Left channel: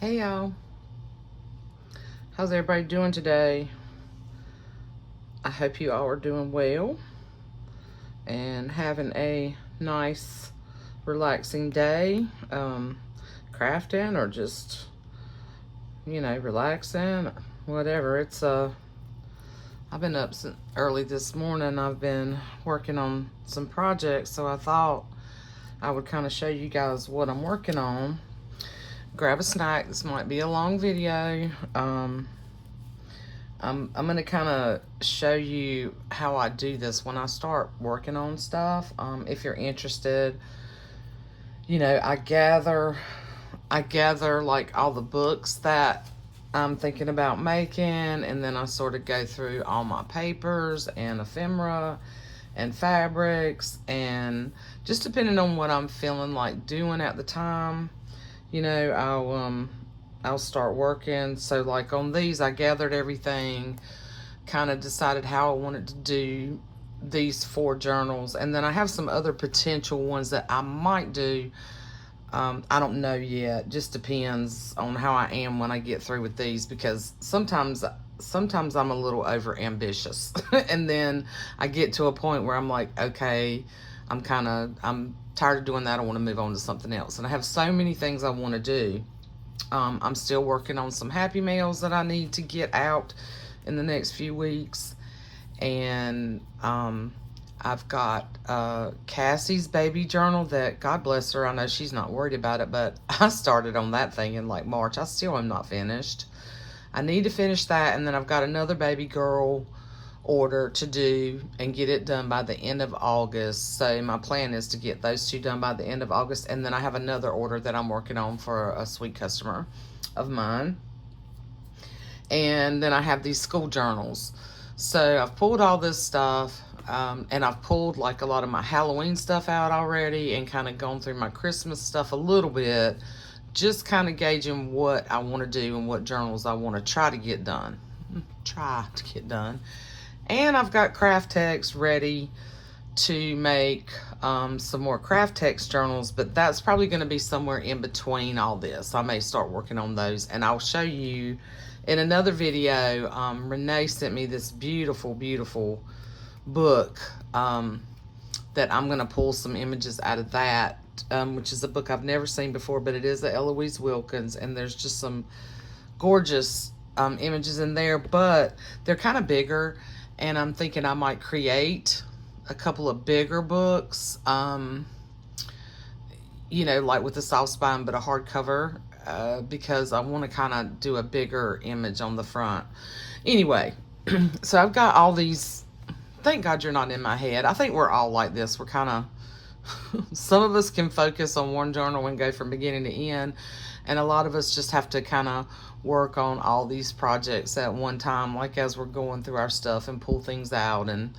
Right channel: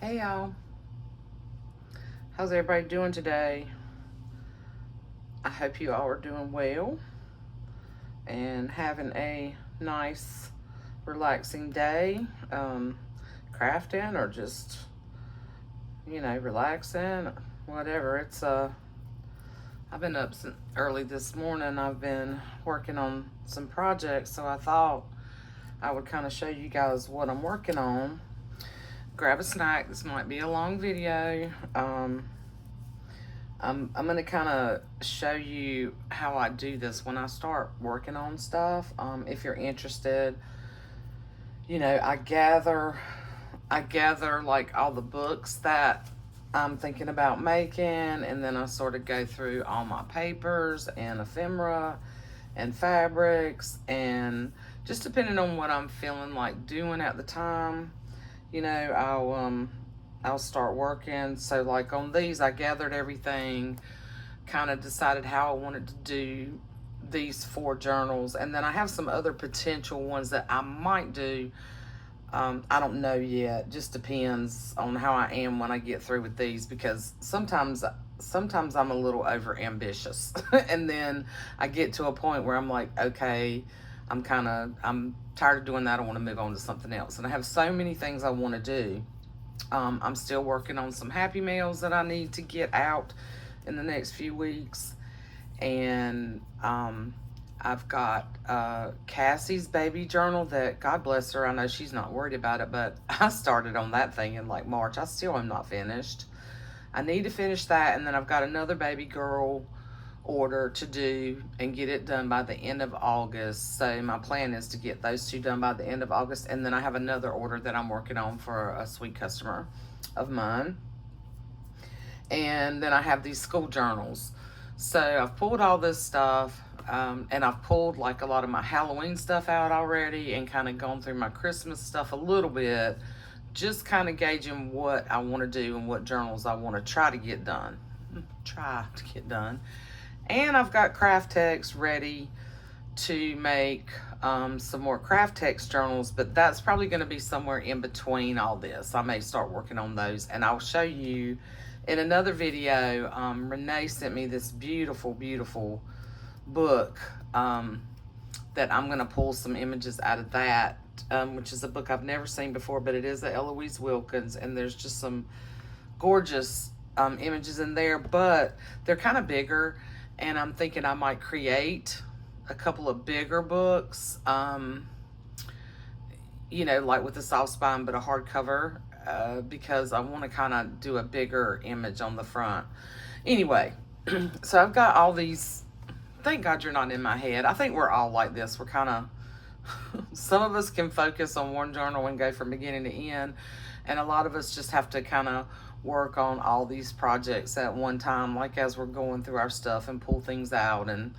Hey y'all, how's everybody doing today? I hope you all are doing well and having a nice, relaxing day, crafting or just, relaxing, whatever. I've been up since early this morning. I've been working on some projects, so I thought I would kind of show you guys what I'm working on. Grab a snack. This might be a long video. I'm going to kind of show you how I do this when I start working on stuff. If you're interested, I gather like all the books that I'm thinking about making, and then I sort of go through all my papers and ephemera and fabrics, and just depending on what I'm feeling like doing at the time, I'll start working. So like on these, I gathered everything, kind of decided how I wanted to do these 4 journals, and then I have some other potential ones that I might do. I don't know yet. Just depends on how I am when I get through with these, because sometimes I'm a little over ambitious and then I get to a point where I'm like, okay, I'm tired of doing that. I want to move on to something else. And I have so many things I want to do. I'm still working on some Happy Meals that I need to get out in the next few weeks. And I've got Cassie's baby journal that, God bless her, I know she's not worried about it, but I started on that thing in like March. I still am not finished. I need to finish that, and then I've got another baby girl order to do and get it done by the end of August. So my plan is to get those 2 done by the end of August, and then I have another order that I'm working on for a sweet customer of mine. And then I have these school journals. So I've pulled all this stuff, and I've pulled like a lot of my Halloween stuff out already, and kind of gone through my Christmas stuff a little bit, just kind of gauging what I want to do and what journals I want to try to get done. And I've got craft text ready to make some more craft text journals, but that's probably going to be somewhere in between all this. I may start working on those, and I'll show you in another video. Renee sent me this beautiful, beautiful book that I'm going to pull some images out of that, which is a book I've never seen before, but it is a Eloise Wilkins, and there's just some gorgeous images in there, but they're kind of bigger, and I'm thinking I might create a couple of bigger books, like with a soft spine but a hardcover, because I want to kind of do a bigger image on the front. Anyway, so I've got all these. Thank God you're not in my head. I think we're all like this. We're kind of, some of us can focus on one journal and go from beginning to end, and a lot of us just have to kind of work on all these projects at one time, like as we're going through our stuff and pull things out and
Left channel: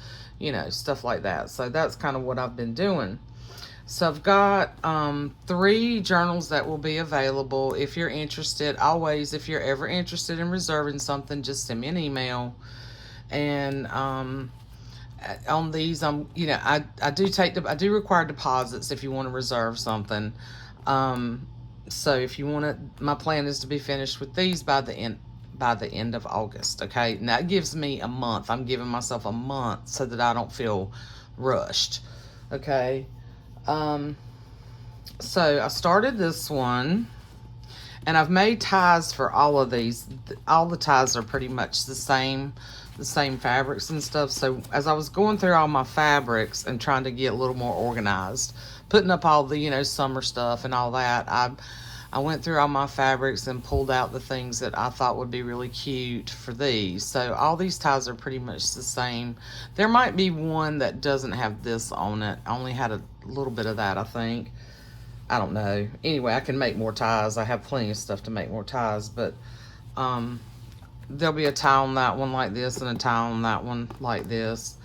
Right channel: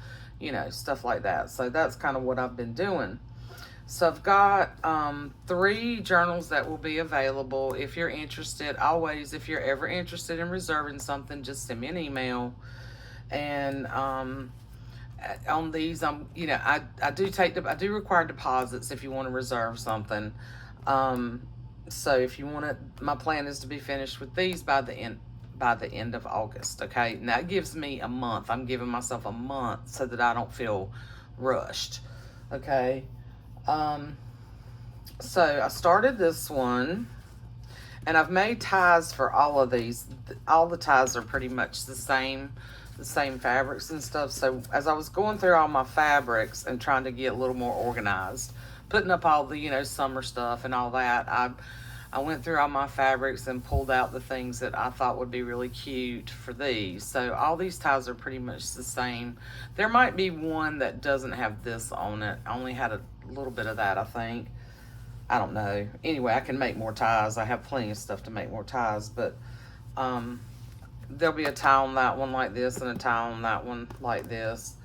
stuff like that. So that's kind of what I've been doing. So I've got 3 journals that will be available. If you're interested, always, if you're ever interested in reserving something, just send me an email. And on these, I do require deposits if you want to reserve something. So if you want to, my plan is to be finished with these by the end of August. Okay, and that gives me a month. I'm giving myself a month so that I don't feel rushed. Okay. So I started this one, and I've made ties for all of these. All the ties are pretty much the same fabrics and stuff. So as I was going through all my fabrics and trying to get a little more organized, putting up all the summer stuff and all that, I went through all my fabrics and pulled out the things that I thought would be really cute for these. So all these ties are pretty much the same. There might be one that doesn't have this on it. I only had a little bit of that, I think. I don't know. Anyway, I can make more ties. I have plenty of stuff to make more ties, but there'll be a tie on that one like this, and a tie on that one like this.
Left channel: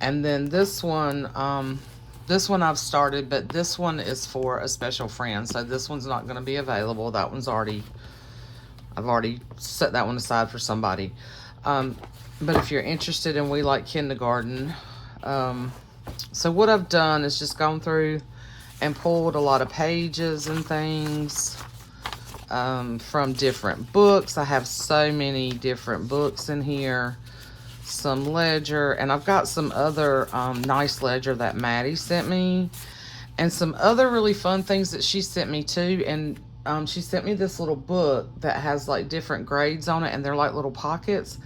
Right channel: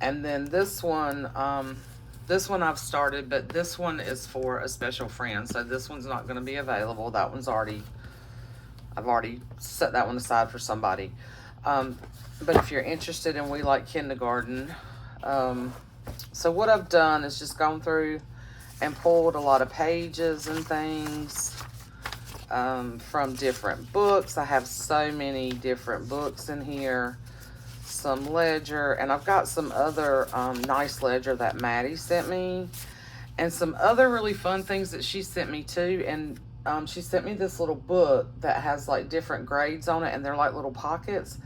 And then this one I've started, but this one is for a special friend, so this one's not going to be available. That one's I've already set that one aside for somebody. But if you're interested in We Like Kindergarten, so what I've done is just gone through and pulled a lot of pages and things. from different books. I have so many different books in here. Some ledger, and I've got some other nice ledger that Maddie sent me, and some other really fun things that she sent me too. And she sent me this little book that has like different grades on it, and they're like little pockets.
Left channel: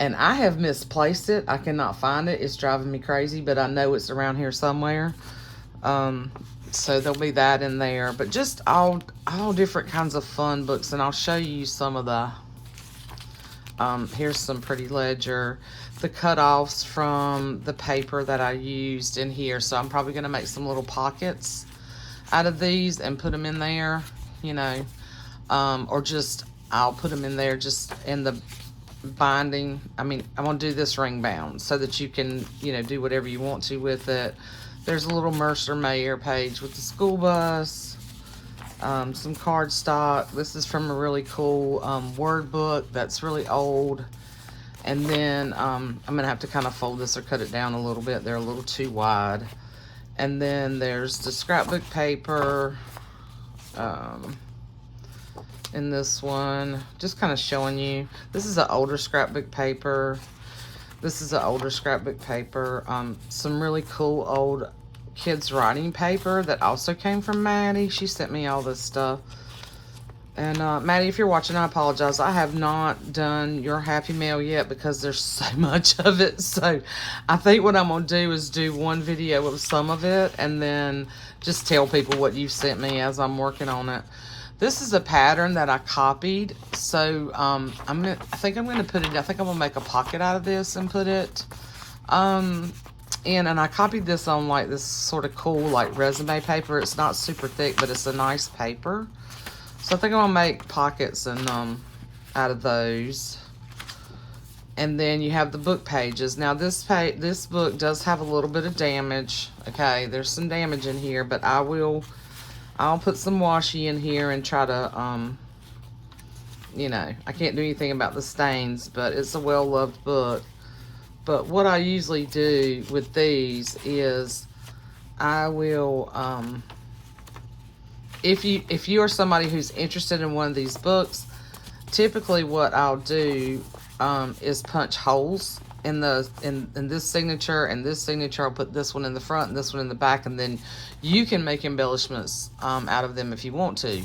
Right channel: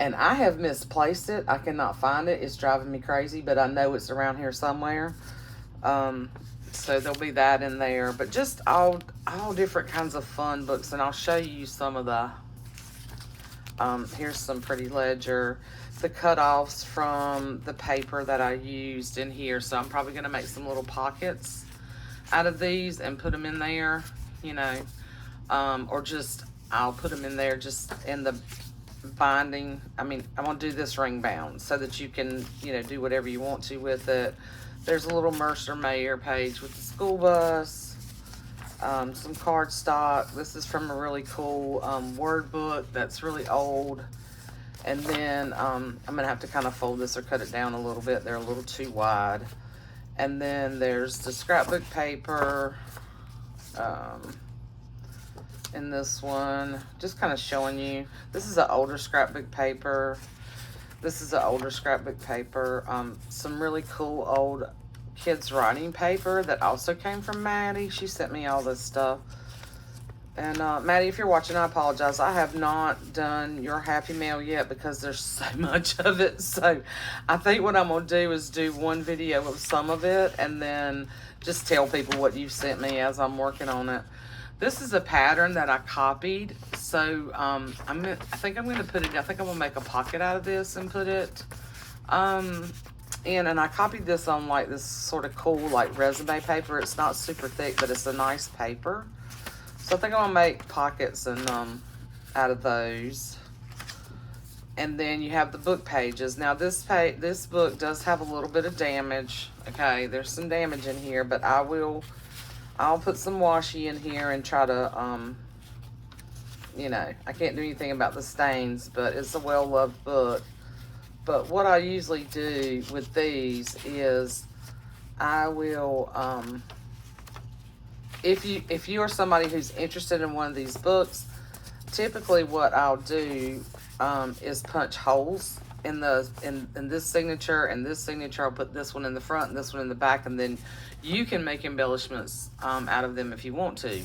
And I have misplaced it. I cannot find it. It's driving me crazy, but I know it's around here somewhere. So there'll be that in there. But just all different kinds of fun books. And I'll show you some of the, here's some pretty ledger. The cutoffs from the paper that I used in here. So I'm probably going to make some little pockets out of these and put them in there, you know. Or just, I'll put them in there just in the binding. I mean, I'm gonna do this ring bound so that you can, you know, do whatever you want to with it. There's a little Mercer Mayer page with the school bus, some cardstock. This is from a really cool word book that's really old. And then I'm gonna have to kind of fold this or cut it down a little bit. They're a little too wide. And then there's the scrapbook paper. In this one, just kind of showing you, this is an older scrapbook paper. This is an older scrapbook paper. Some really cool old kids writing paper that also came from Maddie. She sent me all this stuff. And Maddie, if you're watching, I apologize. I have not done your Happy Mail yet because there's so much of it. So I think what I'm going to do is do one video of some of it and then just tell people what you sent me as I'm working on it. This is a pattern that I copied, so I think I'm gonna put it. I think I'm gonna make a pocket out of this and put it in. And I copied this on like this sort of cool like resume paper. It's not super thick, but it's a nice paper. So I think I'm gonna make pockets and out of those. And then you have the book pages. Now this book does have a little bit of damage. Okay, there's some damage in here, but I'll put some washi in here and try to, you know, I can't do anything about the stains, but it's a well-loved book. But what I usually do with these is I will, if you are somebody who's interested in one of these books, typically what I'll do is punch holes in this signature and this signature. I'll put this one in the front and this one in the back, and then you can make embellishments out of them if you want to.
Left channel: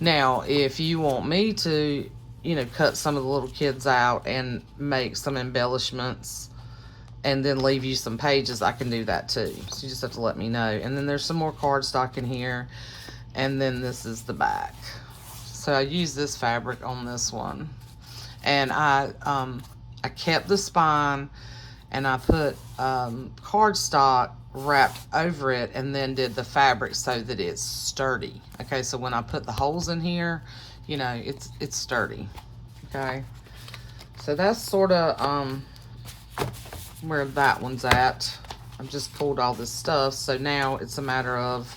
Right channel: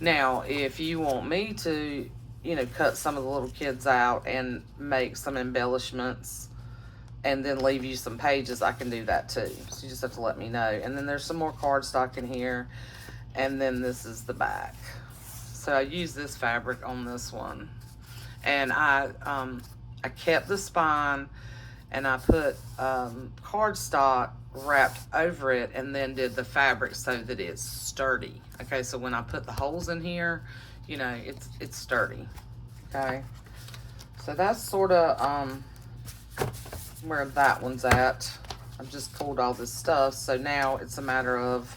Now, if you want me to, you know, cut some of the little kids out and make some embellishments and then leave you some pages, I can do that too. So you just have to let me know. And then there's some more cardstock in here, and then this is the back. So I use this fabric on this one, and I kept the spine, and I put cardstock wrapped over it, and then did the fabric so that it's sturdy. Okay, so when I put the holes in here, you know, it's sturdy. Okay, so that's sort of where that one's at. I've just pulled all this stuff, so now it's a matter of,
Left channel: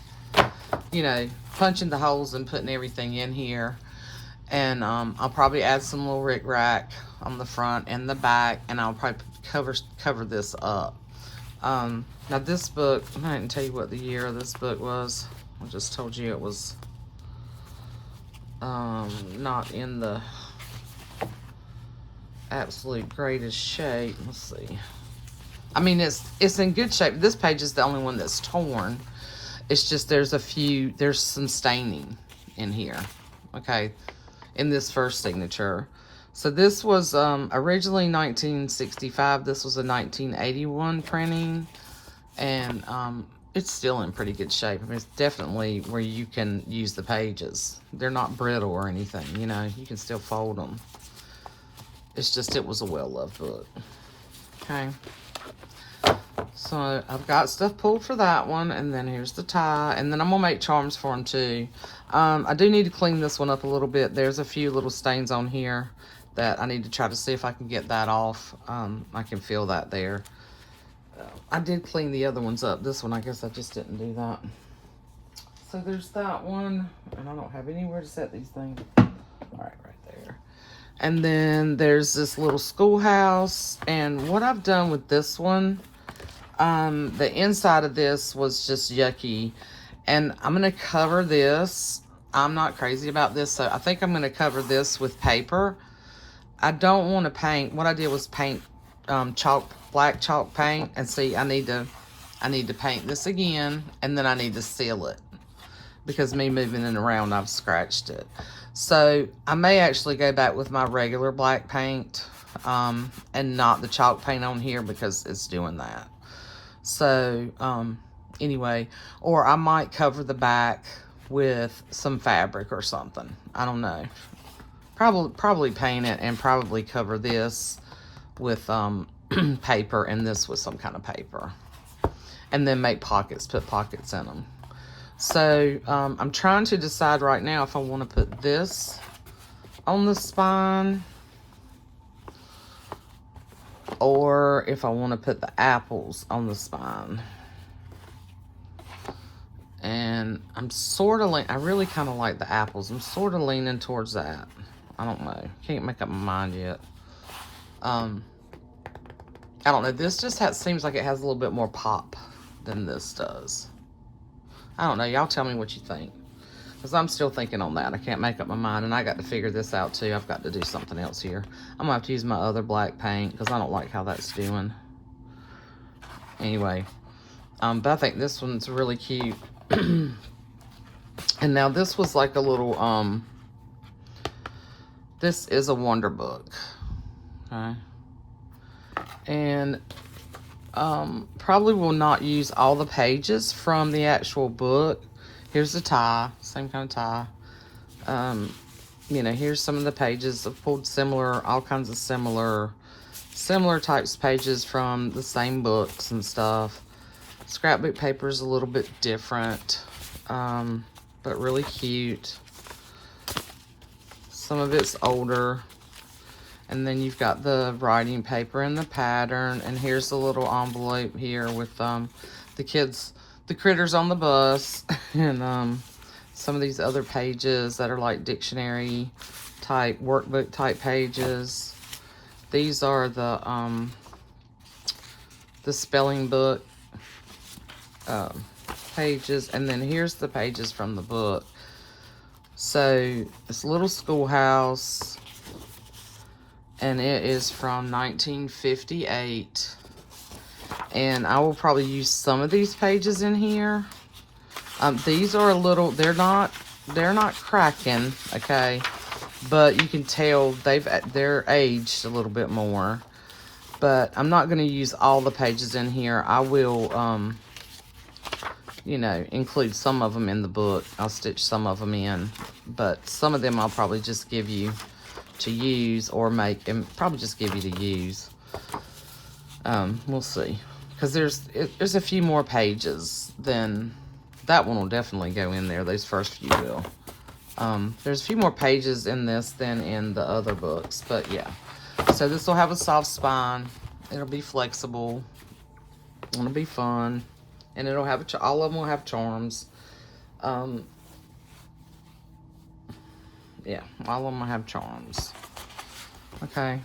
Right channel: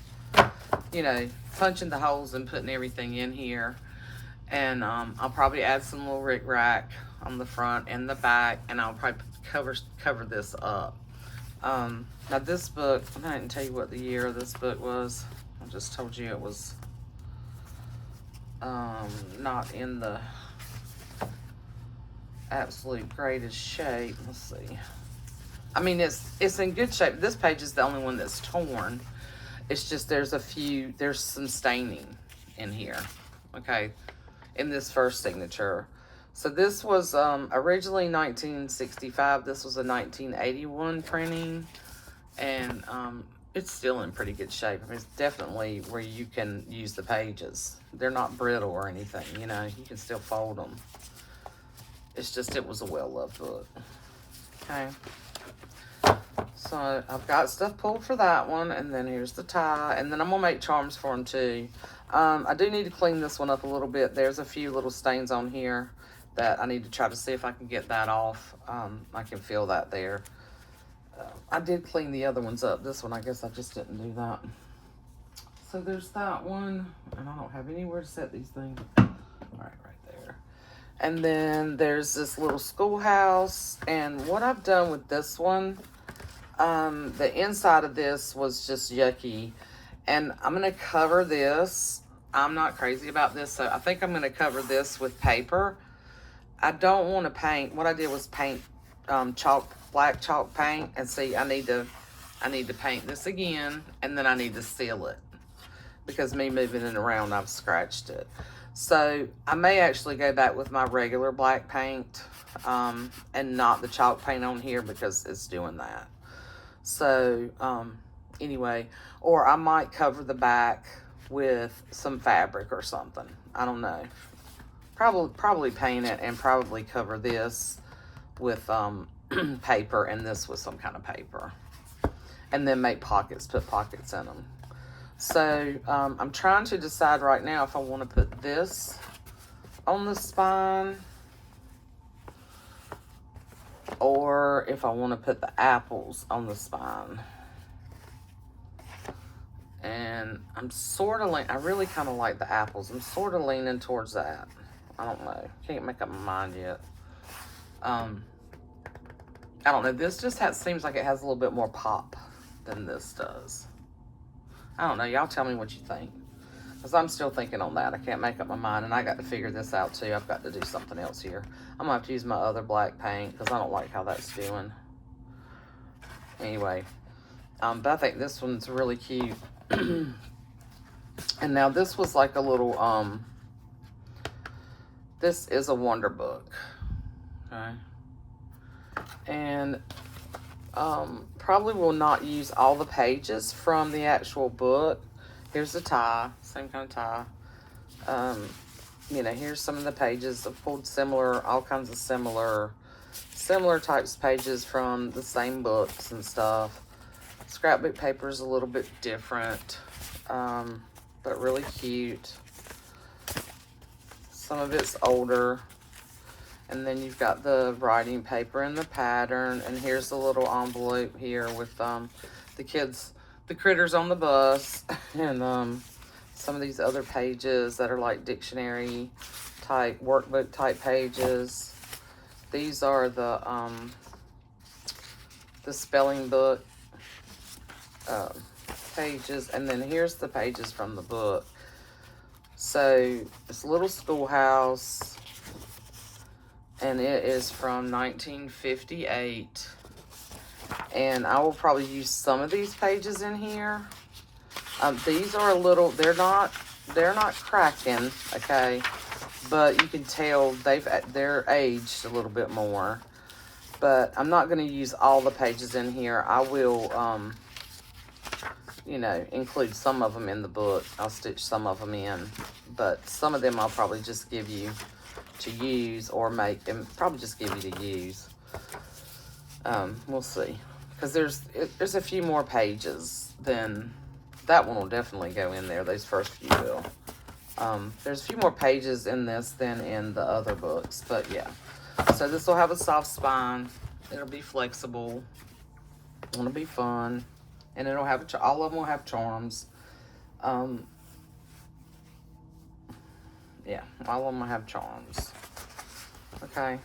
you know, punching the holes and putting everything in here. And I'll probably add some little rickrack on the front and the back, and I'll probably cover this up. Now this book, I didn't tell you what the year of this book was. I just told you it was not in the absolute greatest shape. Let's see. I mean, it's in good shape. This page is the only one that's torn. It's just there's some staining in here. Okay, in this first signature. So this was originally 1965. This was a 1981 printing, and it's still in pretty good shape. It's definitely where you can use the pages. They're not brittle or anything, you know, you can still fold them. It's just, it was a well-loved book. Okay. So I've got stuff pulled for that one, and then here's the tie, and then I'm gonna make charms for them too. I do need to clean this one up a little bit. There's a few little stains on here that I need to try to see if I can get that off. I can feel that there. I did clean the other ones up. This one, I guess I just didn't do that. So there's that one, and I don't have anywhere to set these things. All right, right there. And then there's this little schoolhouse, and what I've done with this one, the inside of this was just yucky, and I'm gonna cover this I'm not crazy about this, so I think I'm going to cover this with paper. I don't want to paint. What I did was paint black chalk paint, and see, I need to paint this again, and then I need to seal it because me moving it around, I've scratched it. So I may actually go back with my regular black paint and not the chalk paint on here because it's doing that. So anyway, or I might cover the back with some fabric or something. I don't know. Probably paint it and probably cover this with paper and this with some kind of paper. And then make pockets, put pockets in them. So I'm trying to decide right now if I want to put this on the spine or if I want to put the apples on the spine. And I'm sort of I really kind of like the apples. I'm sort of leaning towards that. I don't know. Can't make up my mind yet. I don't know. This just seems like it has a little bit more pop than this does. I don't know. Y'all tell me what you think. Because I'm still thinking on that. I can't make up my mind. And I got to figure this out too. I've got to do something else here. I'm going to have to use my other black paint because I don't like how that's doing. Anyway. But I think this one's really cute. And now this was like a little, this is a Wonder Book. Okay. And probably will not use all the pages from the actual book. Here's the tie, same kind of tie. You know, here's some of the pages. I've pulled all kinds of similar types of pages from the same books and stuff. Scrapbook paper is a little bit different, but really cute. Some of it's older. And then you've got the writing paper and the pattern. And here's the little envelope here with the critters on the bus. And some of these other pages that are like dictionary type, workbook type pages. These are the spelling book pages. And then here's the pages from the book. So this little schoolhouse. And it is from 1958. And I will probably use some of these pages in here. These are a little, they're not cracking, okay? But you can tell they're aged a little bit more. But I'm not going to use all the pages in here. I will, you know, include some of them in the book. I'll stitch some of them in. But some of them I'll probably just give you to use or make, and probably just give you to use. We'll see, because there's a few more pages than that one will definitely go in there. Those first few will. There's a few more pages in this than in the other books, but yeah. So this will have a soft spine. It'll be flexible. It'll be fun, and it'll have all of them will have charms. Yeah, all of them have charms. Okay.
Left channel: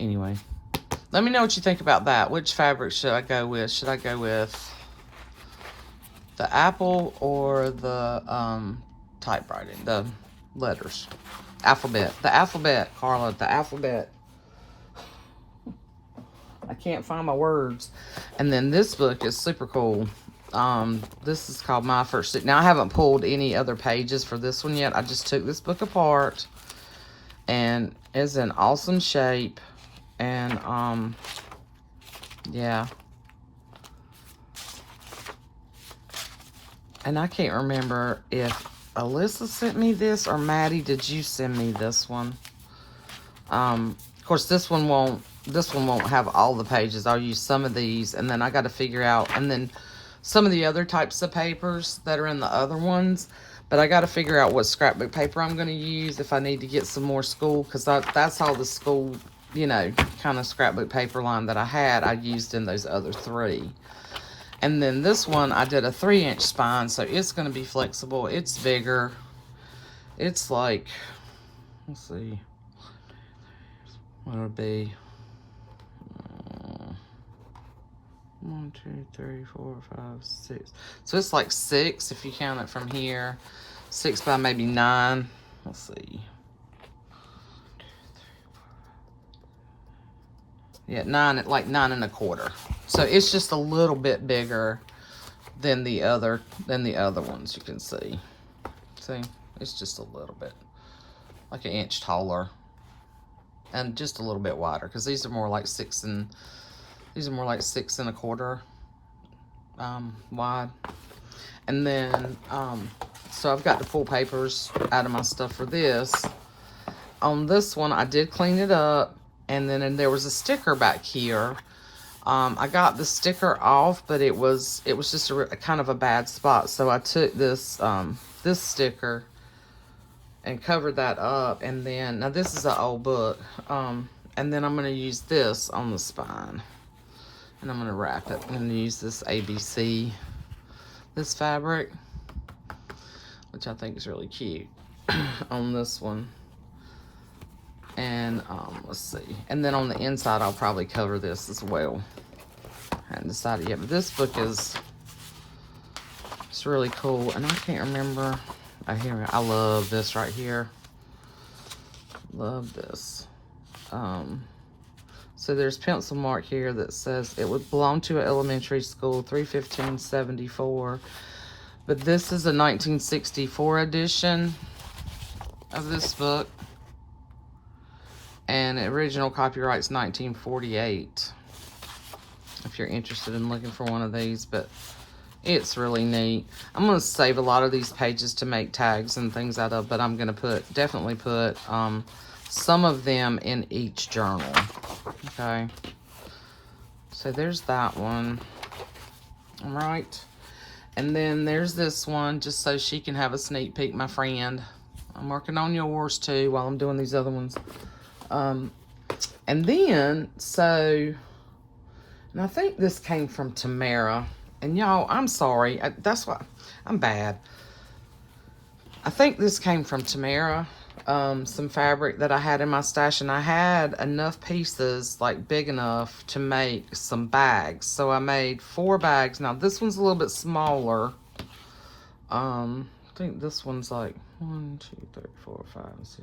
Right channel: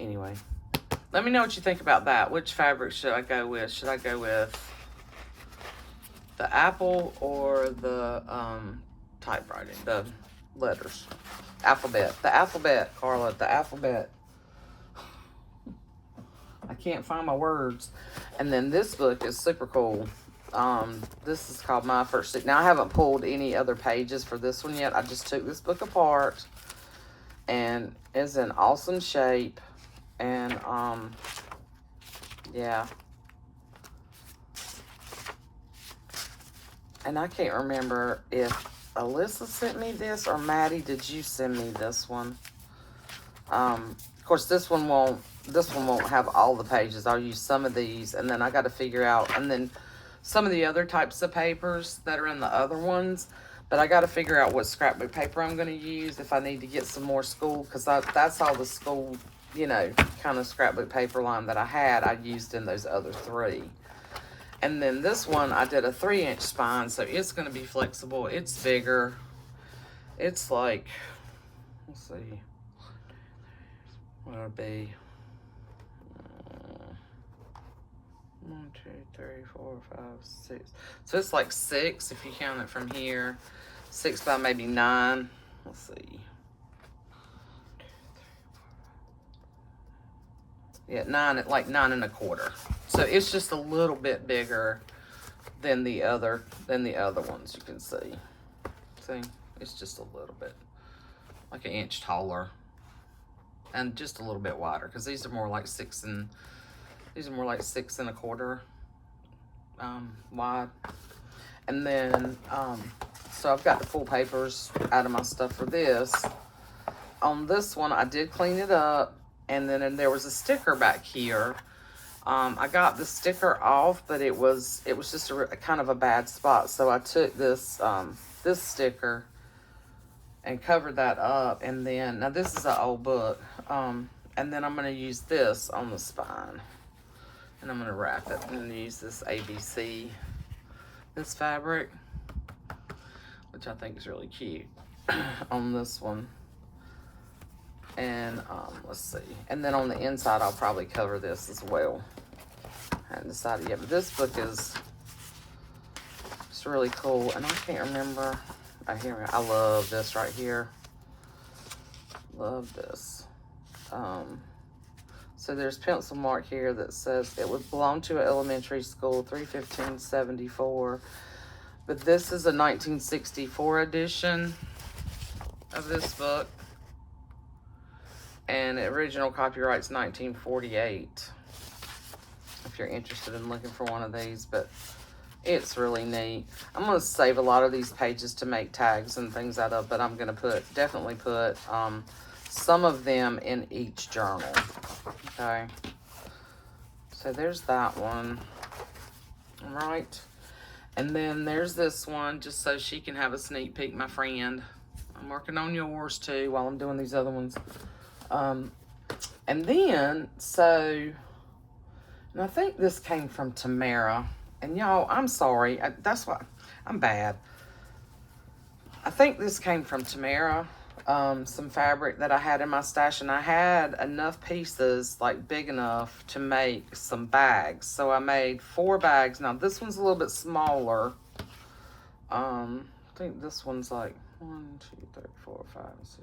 Anyway, let me know what you think about that. Which fabric should I go with? Should I go with the apple or the typewriting, the letters, alphabet? The alphabet, Harla, the alphabet. I can't find my words. And then this book is super cool. This is called My First Stick. Now, I haven't pulled any other pages for this one yet. I just took this book apart, and it's in awesome shape. And, yeah. And I can't remember if Alyssa sent me this or Maddie, did you send me this one? Of course, this one won't have all the pages. I'll use some of these, and then I got to figure out, and then some of the other types of papers that are in the other ones, but I got to figure out what scrapbook paper I'm going to use if I need to get some more school, because that's all the school, you know, kind of scrapbook paper line that I had. I used in those other three. And then this one, I did a 3-inch spine, so it's going to be flexible. It's bigger. It's like, let's see, what would it be? 1, 2, 3, 4, 5, 6. So it's like 6 if you count it from here. 6 by maybe 9. Let's see. Yeah, 9, like 9 1/4. So it's just a little bit bigger than the other ones. You can see. See, it's just a little bit, like an inch taller, and just a little bit wider because these are more like 6 1/4 wide. And then so I've got the full papers out of my stuff for this. On this one, I did clean it up, and then there was a sticker back here. I got the sticker off, but it was just a kind of a bad spot. So I took this this sticker and covered that up, and then now this is an old book, and then I'm going to use this on the spine, and I'm going to wrap it. I'm going to use this ABC, this fabric, which I think is really cute on this one. And let's see, and then on the inside I'll probably cover this as well. I haven't decided yet, but this book is, it's really cool, and I can't remember. Oh, here, I love this right here. Love this. So there's pencil mark here that says it would belong to an elementary school, 3/15/74. But this is a 1964 edition of this book. And the original copyright's 1948. If you're interested in looking for one of these, but it's really neat. I'm going to save a lot of these pages to make tags and things out of, but I'm going to definitely put some of them in each journal. Okay. So there's that one. All right. And then there's this one, just so she can have a sneak peek, my friend. I'm working on yours too while I'm doing these other ones. And then, so, and I think this came from Tamara. And y'all, I'm sorry. That's why I'm bad. I think this came from Tamara. Some fabric that I had in my stash, and I had enough pieces, like big enough to make some bags. So I made 4 bags. Now this one's a little bit smaller. I think this one's like 1, 2, 3, 4, 5, 6.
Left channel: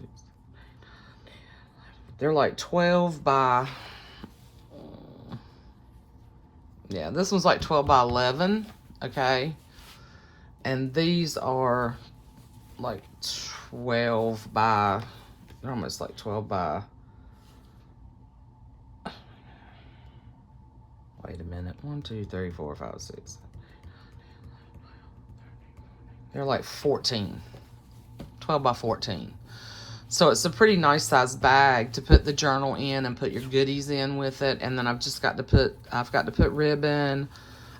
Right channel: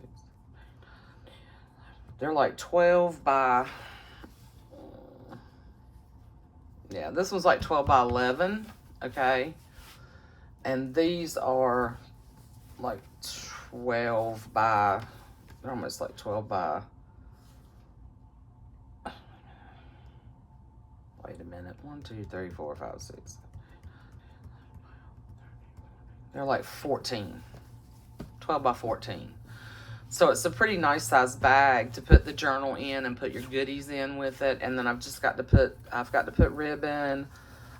They're like 12 by, yeah, this one's like 12 by 11, okay? And these are like 12 by, they're almost like 12 by, wait a minute, 1, 2, 3, 4, 5, 6. They're like 14, 12 by 14. So it's a pretty nice size bag to put the journal in and put your goodies in with it. And then I've got to put ribbon.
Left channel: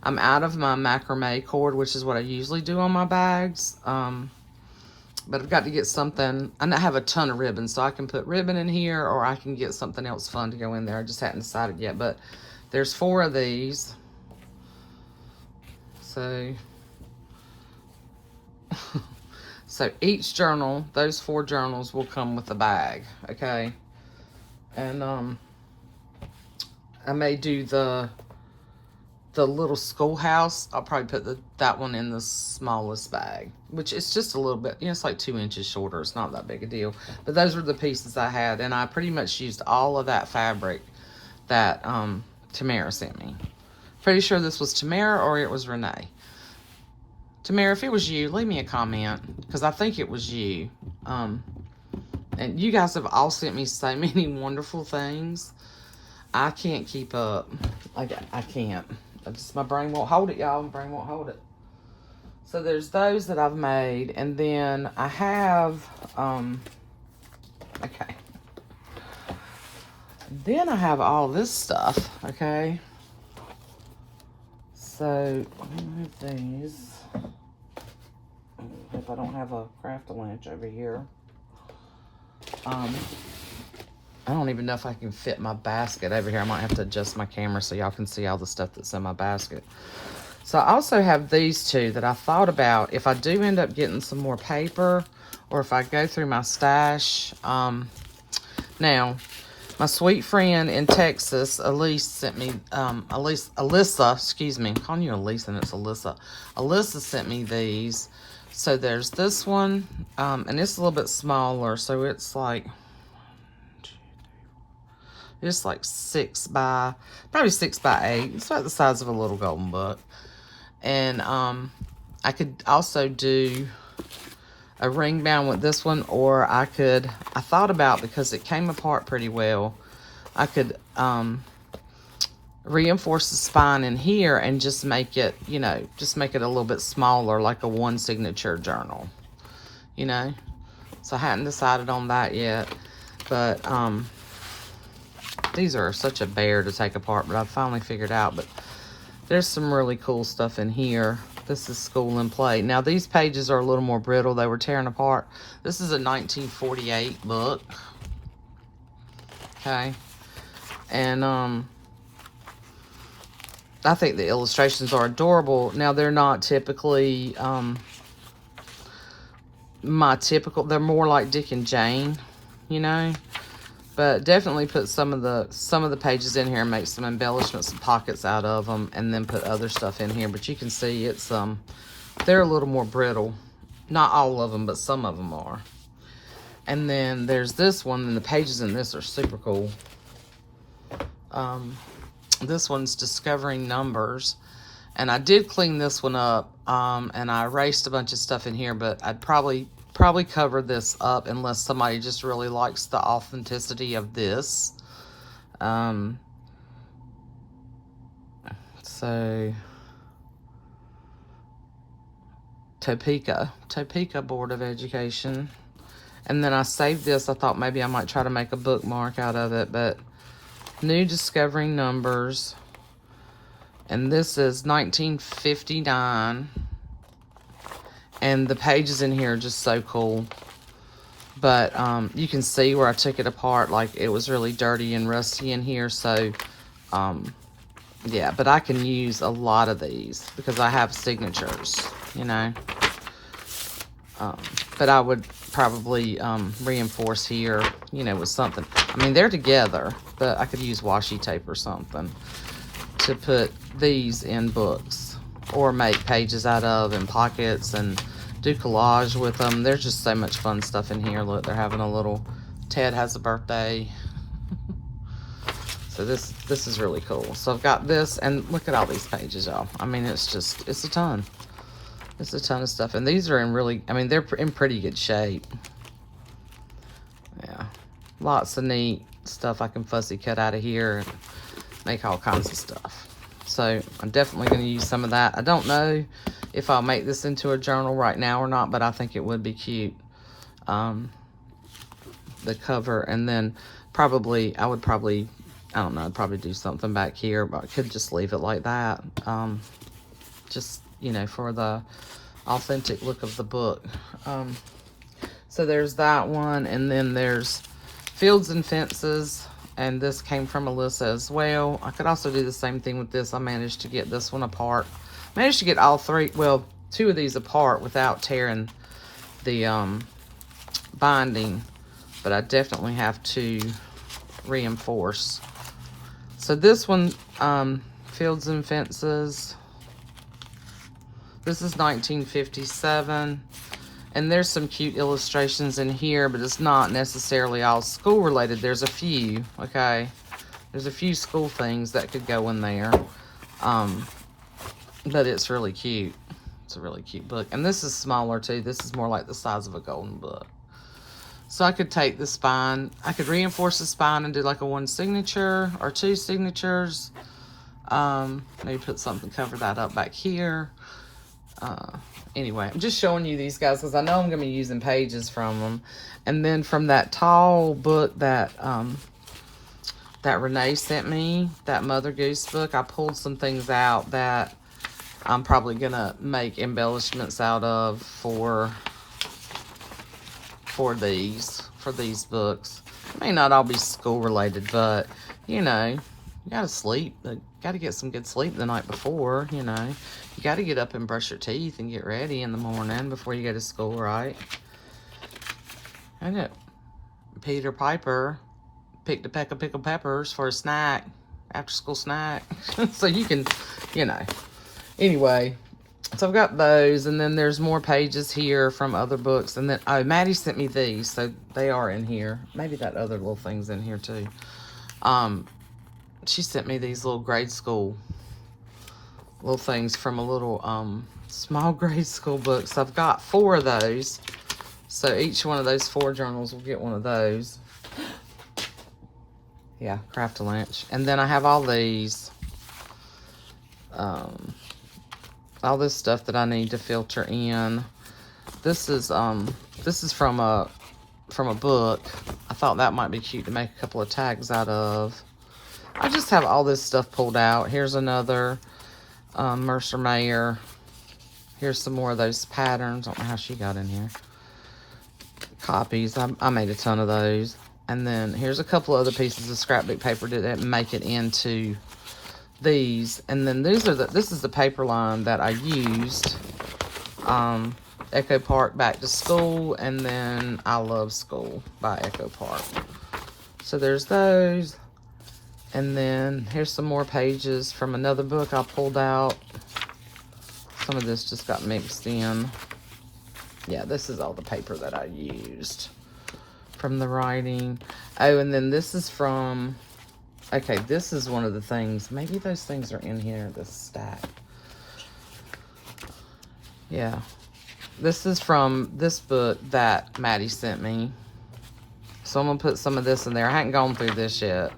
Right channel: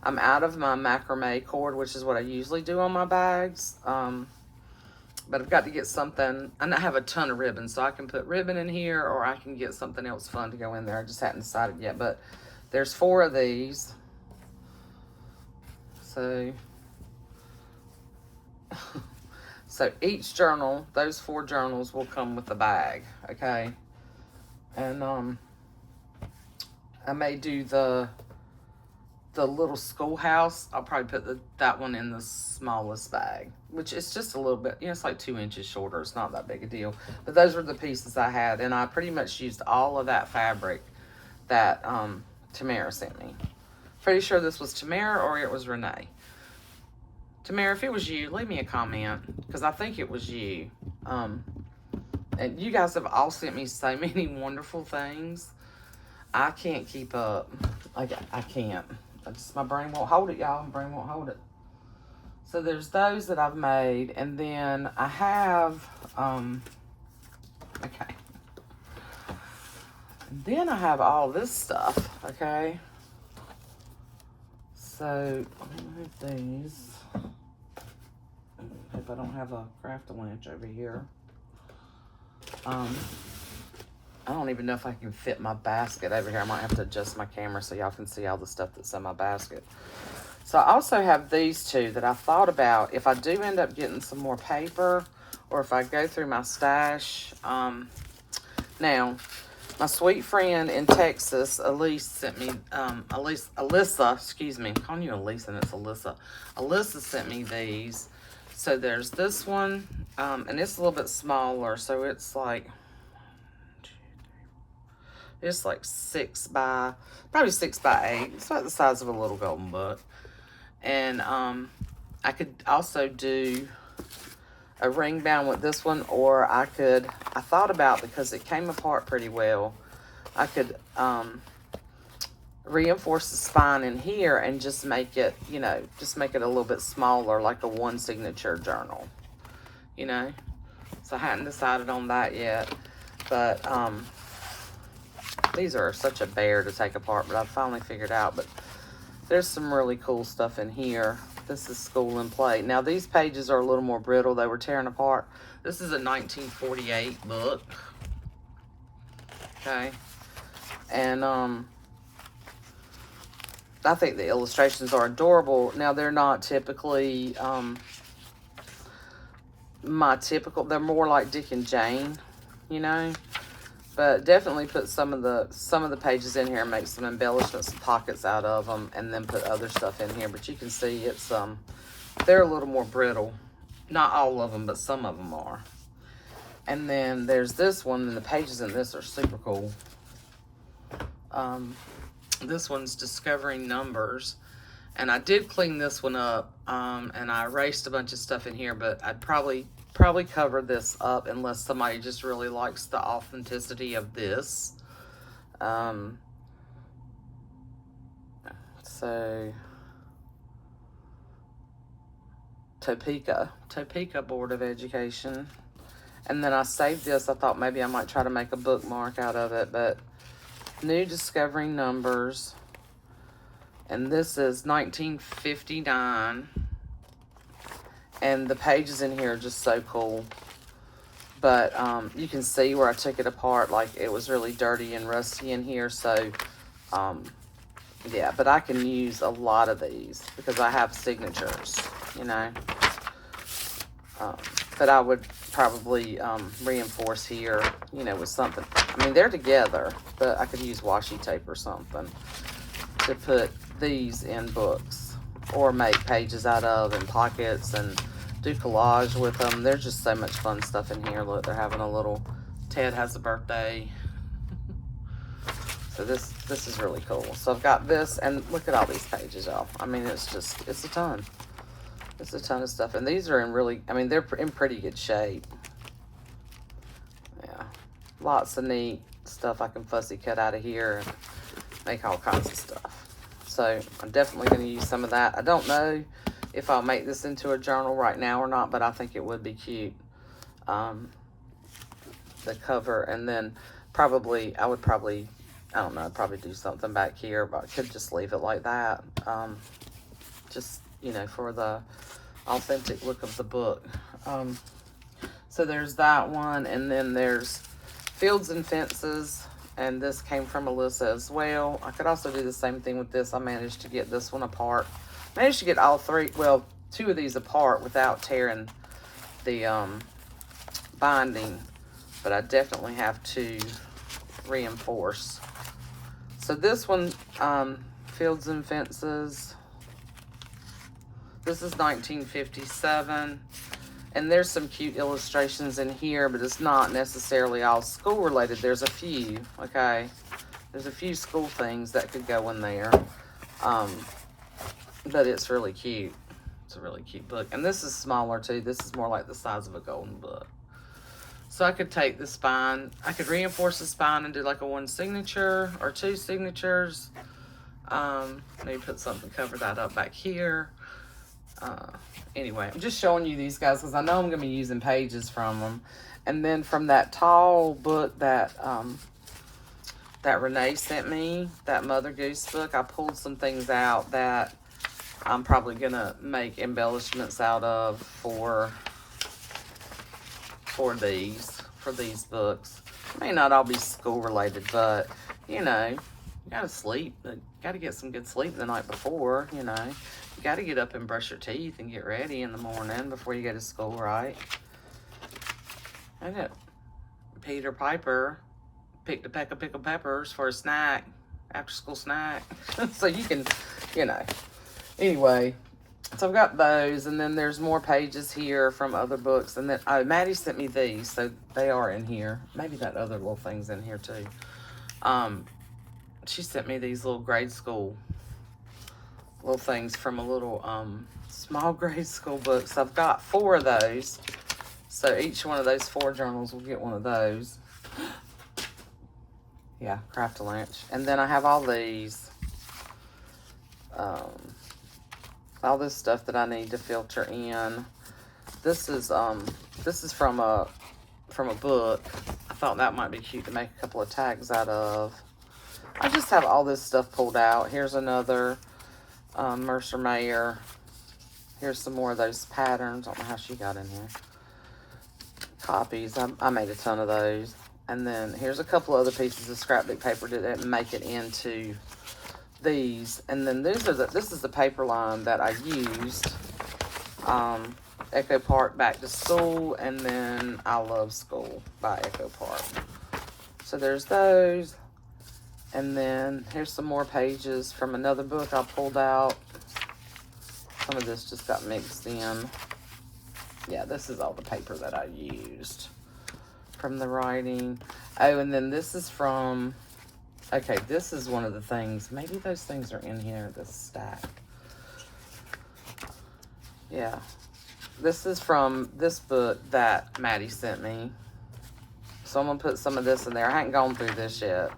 I'm out of my macrame cord, which is what I usually do on my bags. But I've got to get something, and I have a ton of ribbon, so I can put ribbon in here, or I can get something else fun to go in there. I just haven't decided yet, but there's 4 of these. So so each journal, those 4 journals will come with a bag, okay? And I may do the little schoolhouse. I'll probably put that one in the smallest bag, which is just a little bit, you know, it's like 2 inches shorter. It's not that big a deal. But those were the pieces I had, and I pretty much used all of that fabric that Tamara sent me. Pretty sure this was Tamara or it was Renee. Tamara, if it was you, leave me a comment, because I think it was you. And you guys have all sent me so many wonderful things. I can't keep up. I can't. My brain won't hold it, y'all. My brain won't hold it. So there's those that I've made, and then I have, okay. Then I have all this stuff, okay. So, let me move these. If I don't have a craft-a-lunch over here. I don't even know if I can fit my basket over here. I might have to adjust my camera so y'all can see all the stuff that's in my basket. So I also have these 2 that I thought about if I do end up getting some more paper, or if I go through my stash. Now, my sweet friend in Texas, Elise, sent me, Alyssa, excuse me, I'm calling you Elise and it's Alyssa. Alyssa sent me these. So there's this one, and it's a little bit smaller, so it's like 6 by, probably 6 by 8. It's about the size of a little golden book. And I could also do a ring bound with this one, or I thought about, because it came apart pretty well, I could reinforce the spine in here and just make it, you know, just make it a little bit smaller, like a one signature journal, you know. So I hadn't decided on that yet, but these are such a bear to take apart, but I finally figured out. But there's some really cool stuff in here. This is School and Play. Now these pages are a little more brittle. They were tearing apart. This is a 1948 book. Okay. And I think the illustrations are adorable. Now they're not typically my typical, they're more like Dick and Jane, you know. But definitely put some of the pages in here and make some embellishments and pockets out of them, and then put other stuff in here. But you can see it's they're a little more brittle. Not all of them, but some of them are. And then there's this one, and the pages in this are super cool. This one's Discovering Numbers, and I did clean this one up, and I erased a bunch of stuff in here, but I'd probably cover this up unless somebody just really likes the authenticity of this. So Topeka Board of Education. And then I saved this. I thought maybe I might try to make a bookmark out of it, but New Discovering Numbers. And this is 1959. And the pages in here are just so cool. But you can see where I took it apart. Like, it was really dirty and rusty in here. So, yeah. But I can use a lot of these because I have signatures, you know. But I would probably reinforce here, you know, with something. I mean, they're together, but I could use washi tape or something to put these in books, or make pages out of, and pockets, and do collage with them. There's just so much fun stuff in here. Look, they're having a little, Ted has a birthday. So this is really cool. So I've got this, and look at all these pages, y'all. I mean, it's a ton. It's a ton of stuff. And these are in really, I mean, they're in pretty good shape. Yeah. Lots of neat stuff I can fussy cut out of here and make all kinds of stuff. So I'm definitely going to use some of that. I don't know if I'll make this into a journal right now or not, but I think it would be cute. The cover, and then I would probably, I don't know, I'd probably do something back here, but I could just leave it like that. Just, you know, for the authentic look of the book. So there's that one, and then there's Fields and Fences, and this came from Alyssa as well. I could also do the same thing with this. I managed to get this one apart. Managed to get all three, well, two of these apart without tearing the binding, but I definitely have to reinforce. So this one, Fields and Fences, this is 1957, and there's some cute illustrations in here, but it's not necessarily all school related. There's a few, okay? There's a few school things that could go in there, but it's really cute. It's a really cute book, and this is smaller too. This is more like the size of a golden book. So I could take the spine, I could reinforce the spine and do like a one signature or two signatures. Maybe put something, cover that up back here. Anyway, I'm just showing you these guys because I know I'm going to be using pages from them. And then from that tall book that that Renee sent me, that Mother Goose book, I pulled some things out that I'm probably going to make embellishments out of for these books. May not all be school related, but you know, you gotta sleep. You gotta get some good sleep the night before, you know. You gotta get up and brush your teeth and get ready in the morning before you go to school, right? I know. Peter Piper picked a peck of pickled peppers for a snack, after school snack. So you can, you know. Anyway, So I've got those, and then there's more pages here from other books. And then, oh, Maddie sent me these, so they are in here. Maybe that other little thing's in here too. She sent me these little grade school little things from a little small grade school book. So I've got 4 of those. So each one of those 4 journals will get one of those. Yeah, Craft-A-Lunch. And then I have all these. All this stuff that I need to filter in. This is from a book. I thought that might be cute to make a couple of tags out of. I just have all this stuff pulled out. Here's another Mercer Mayer. Here's some more of those patterns. I don't know how she got in here. Copies. I made a ton of those. And then here's a couple other pieces of scrapbook paper that didn't make it into these. And then this is the paper line that I used. Echo Park Back to School, and then I Love School by Echo Park. So there's those. And then here's some more pages from another book I pulled out. Some of this just got mixed in. Yeah, this is all the paper that I used from the writing. Oh, and then this is from, okay, this is one of the things. Maybe those things are in here, this stack. Yeah. This is from this book that Maddie sent me. So I'm going to put some of this in there. I haven't gone through this yet.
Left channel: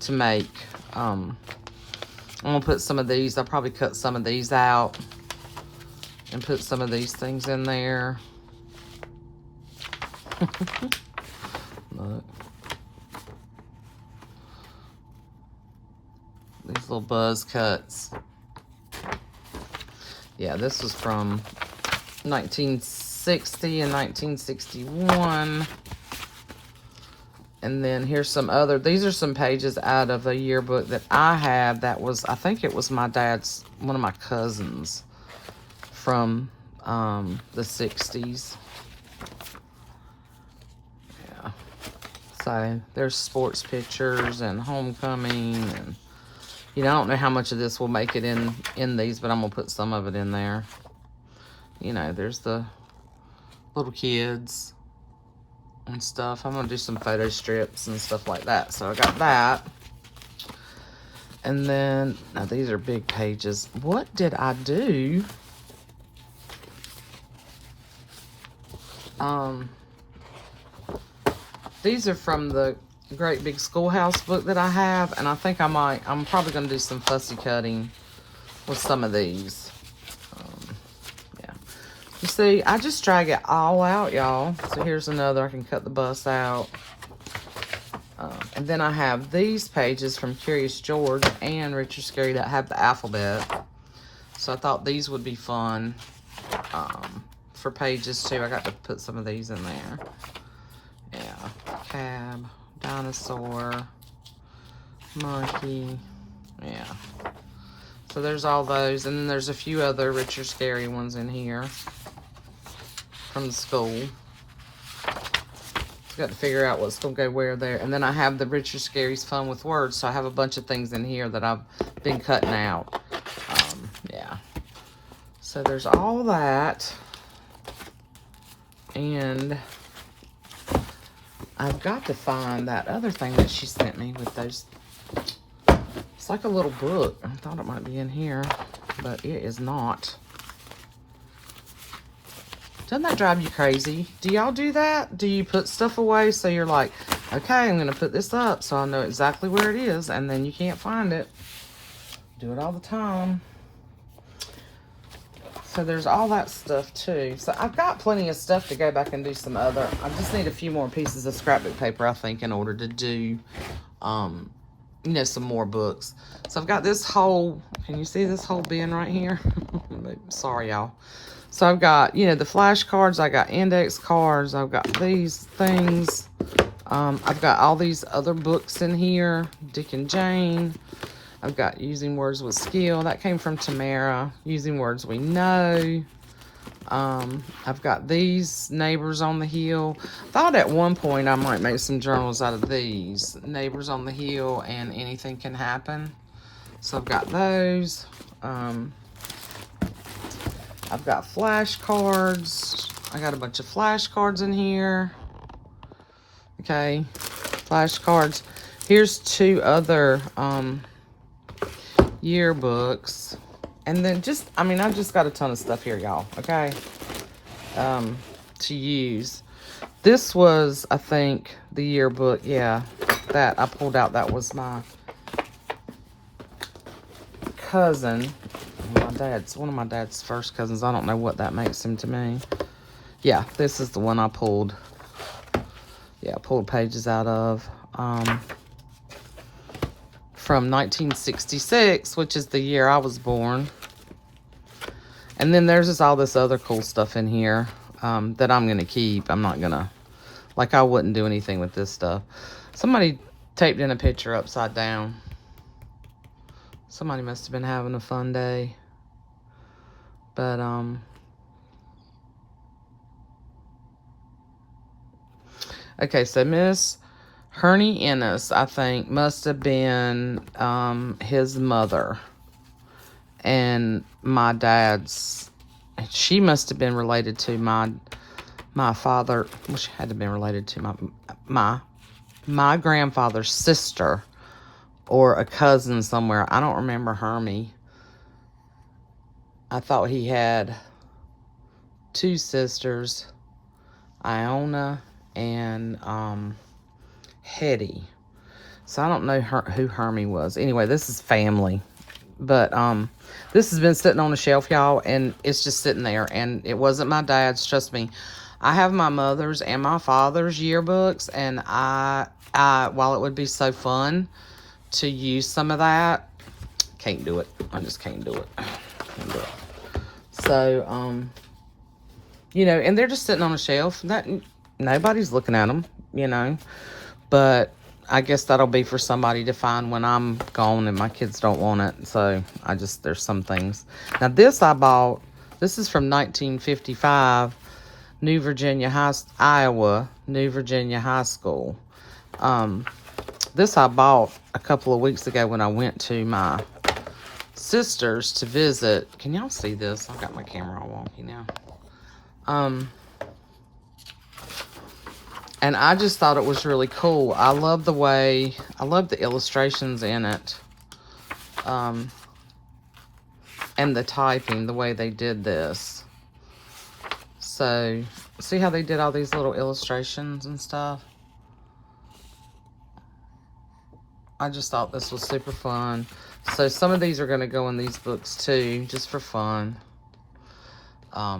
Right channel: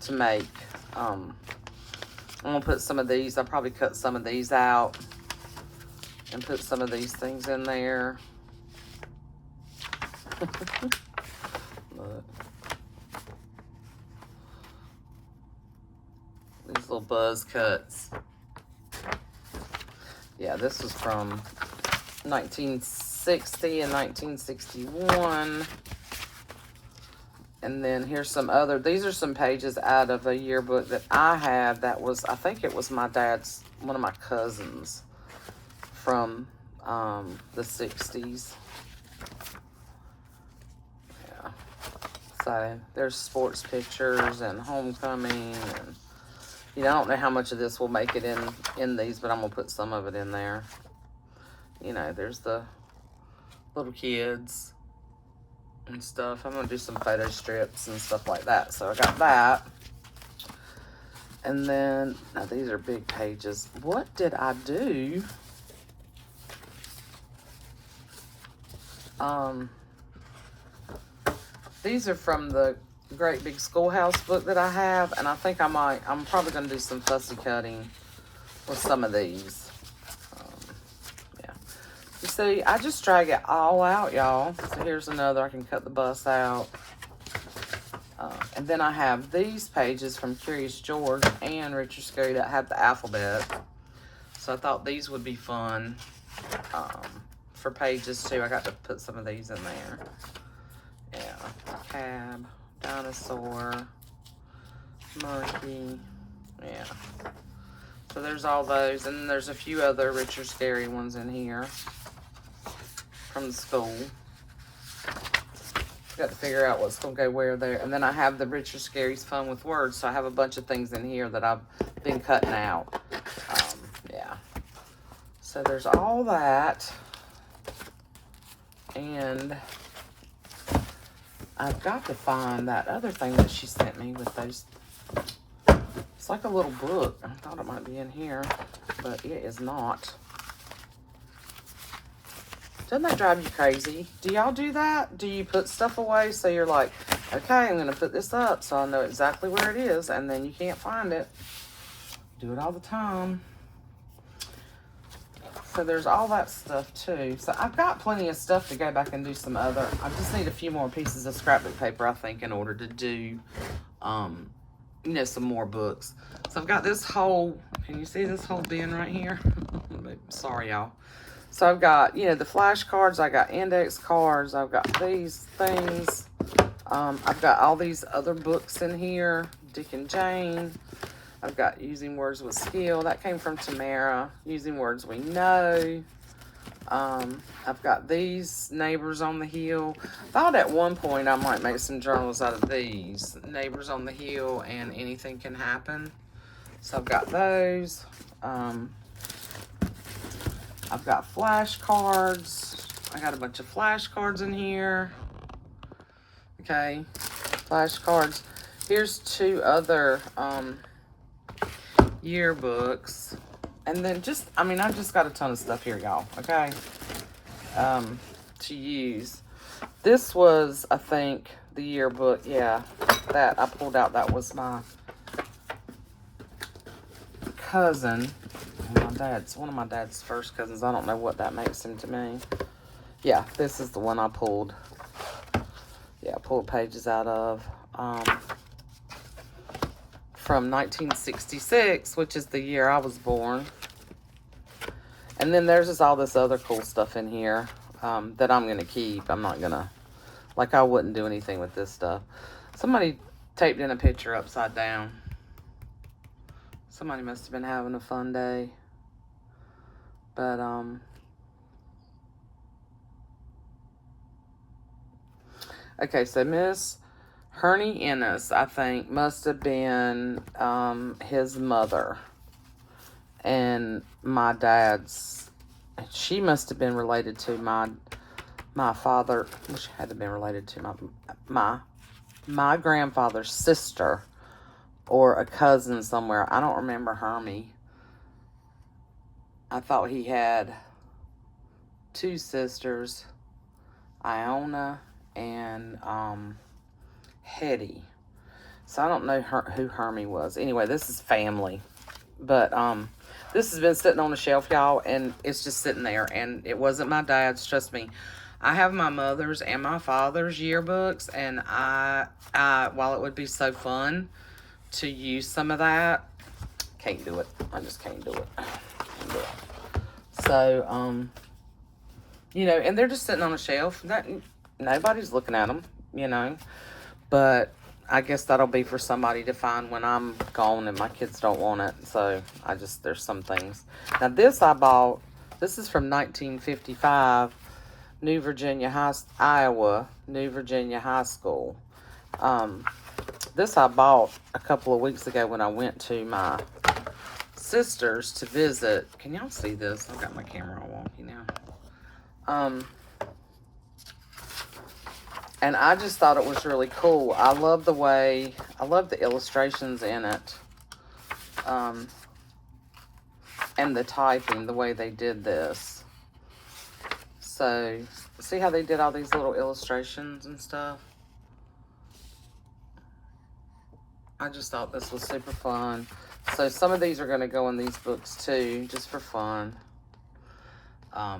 To make, I'm going to put some of these. I'll probably cut some of these out and put some of these things in there. These little buzz cuts. Yeah, this was from 1960 and 1961. And then here's some other, these are some pages out of a yearbook that I had that was, I think it was my dad's, one of my cousins from the 60s. Yeah. So there's sports pictures and homecoming. And, you know, I don't know how much of this will make it in these, but I'm going to put some of it in there. You know, there's the little kids and stuff. I'm gonna do some photo strips and stuff like that. So I got that. And then, now these are big pages. What did I do? These are from the Great Big Schoolhouse book that I have, and I think I'm probably gonna do some fussy cutting with some of these. You see, I just drag it all out, y'all. So here's another. I can cut the bust out. And then I have these pages from Curious George and Richard Scarry that have the alphabet. So I thought these would be fun for pages too. I got to put some of these in there. Yeah, Cab, Dinosaur, Monkey. Yeah. So there's all those. And then there's a few other Richard Scarry ones in here from the school. Got to figure out what's going to go where there. And then I have the Richard Scarry's Fun with Words, so I have a bunch of things in here that I've been cutting out. Yeah. So there's all that. And I've got to find that other thing that she sent me with those. It's like a little book. I thought it might be in here, but it is not. Doesn't that drive you crazy? Do y'all do that? Do you put stuff away so you're like, okay, I'm going to put this up so I know exactly where it is, and then you can't find it? Do it all the time. So there's all that stuff too. So I've got plenty of stuff to go back and do some other. I just need a few more pieces of scrapbook paper, I think, in order to do, you know, some more books. So I've got this whole, can you see this whole bin right here? Sorry, y'all. So I've got, you know, the flashcards, I got index cards, I've got these things. I've got all these other books in here, Dick and Jane. I've got Using Words with Skill, that came from Tamara. Using Words We Know. I've got these, Neighbors on the Hill. Thought at one point I might make some journals out of these. Neighbors on the Hill and Anything Can Happen. So I've got those. I've got flashcards. I got a bunch of flashcards in here. Okay, flashcards. Here's 2 other yearbooks. And then just, I mean, I just got a ton of stuff here, y'all, okay, to use. This was, I think, the yearbook, yeah, that I pulled out. That was my cousin, one of my dad's first cousins. I don't know what that makes him to me. Yeah, this is the one I pulled. Yeah, pulled pages out of. From 1966, which is the year I was born. And then there's just all this other cool stuff in here that I'm going to keep. I'm not going to, like, I wouldn't do anything with this stuff. Somebody taped in a picture upside down. Somebody must have been having a fun day. But, okay, so Miss Hernie Ennis, I think, must have been his mother. And my dad's, she must have been related to my father. Well, she had to have been related to my grandfather's sister or a cousin somewhere. I don't remember Hermie. I thought he had 2 sisters, Iona and Hetty. So I don't know who Hermie was. Anyway, this is family. But this has been sitting on the shelf, y'all, and it's just sitting there. And it wasn't my dad's, trust me. I have my mother's and my father's yearbooks, and I while it would be so fun to use some of that, can't do it. I just can't do it. So, you know, and they're just sitting on a shelf. Nobody's looking at them, you know. But I guess that'll be for somebody to find when I'm gone and my kids don't want it. So there's some things. Now this I bought, this is from 1955, Iowa, New Virginia High School. This I bought a couple of weeks ago when I went to my sister's to visit. Can y'all see this? I've got my camera all wonky now. And I just thought it was really cool. I love the illustrations in it. And the typing, the way they did this. So, see how they did all these little illustrations and stuff? I just thought this was super fun. So some of these are going to go in these books too, just for fun. Yeah.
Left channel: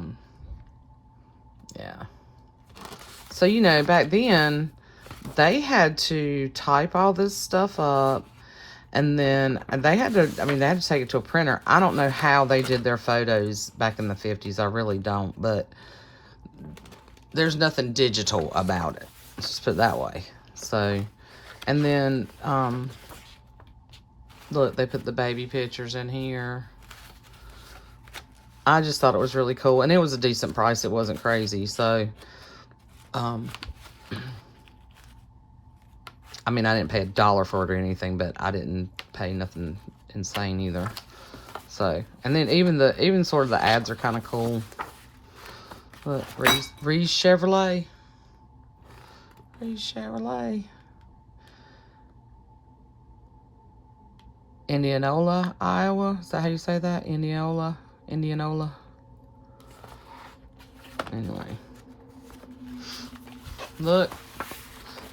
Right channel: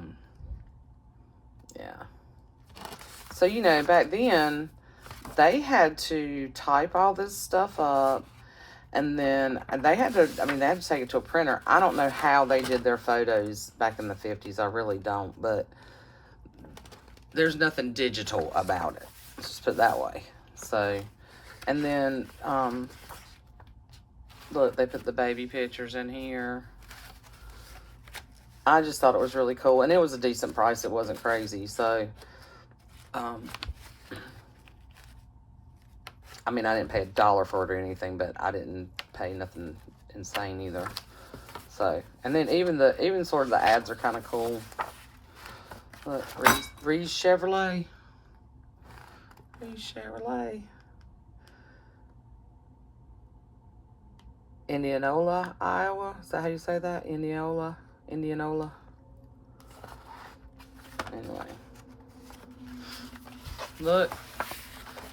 So, you know, back then, they had to type all this stuff up, and then they had to, they had to take it to a printer. I don't know how they did their photos back in the 50s. I really don't, but there's nothing digital about it. Let's just put it that way. So, and then, look, they put the baby pictures in here. I just thought it was really cool, and it was a decent price. It wasn't crazy, so... I didn't pay $1 for it or anything, but I didn't pay nothing insane either. So, and then even sort of the ads are kind of cool. Look, Reese Chevrolet. Indianola, Iowa. Is that how you say that? Indianola. Anyway. Look,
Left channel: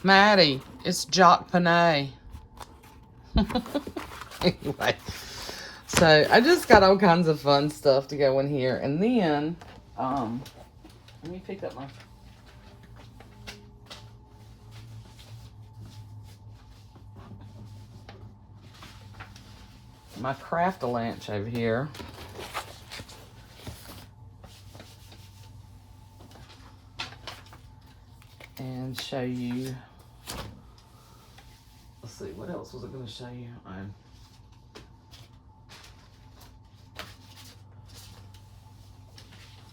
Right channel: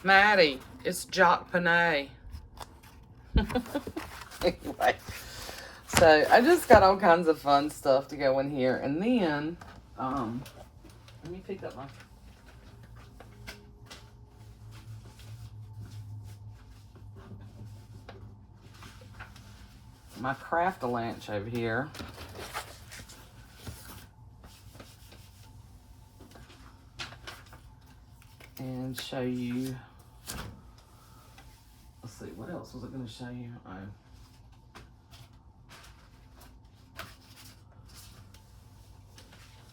Maddie, it's Jock Panay. Anyway, so I just got all kinds of fun stuff to go in here. And then, let me pick up my Craft-A-Lanch over here. And show you, let's see, what else was I going to show you?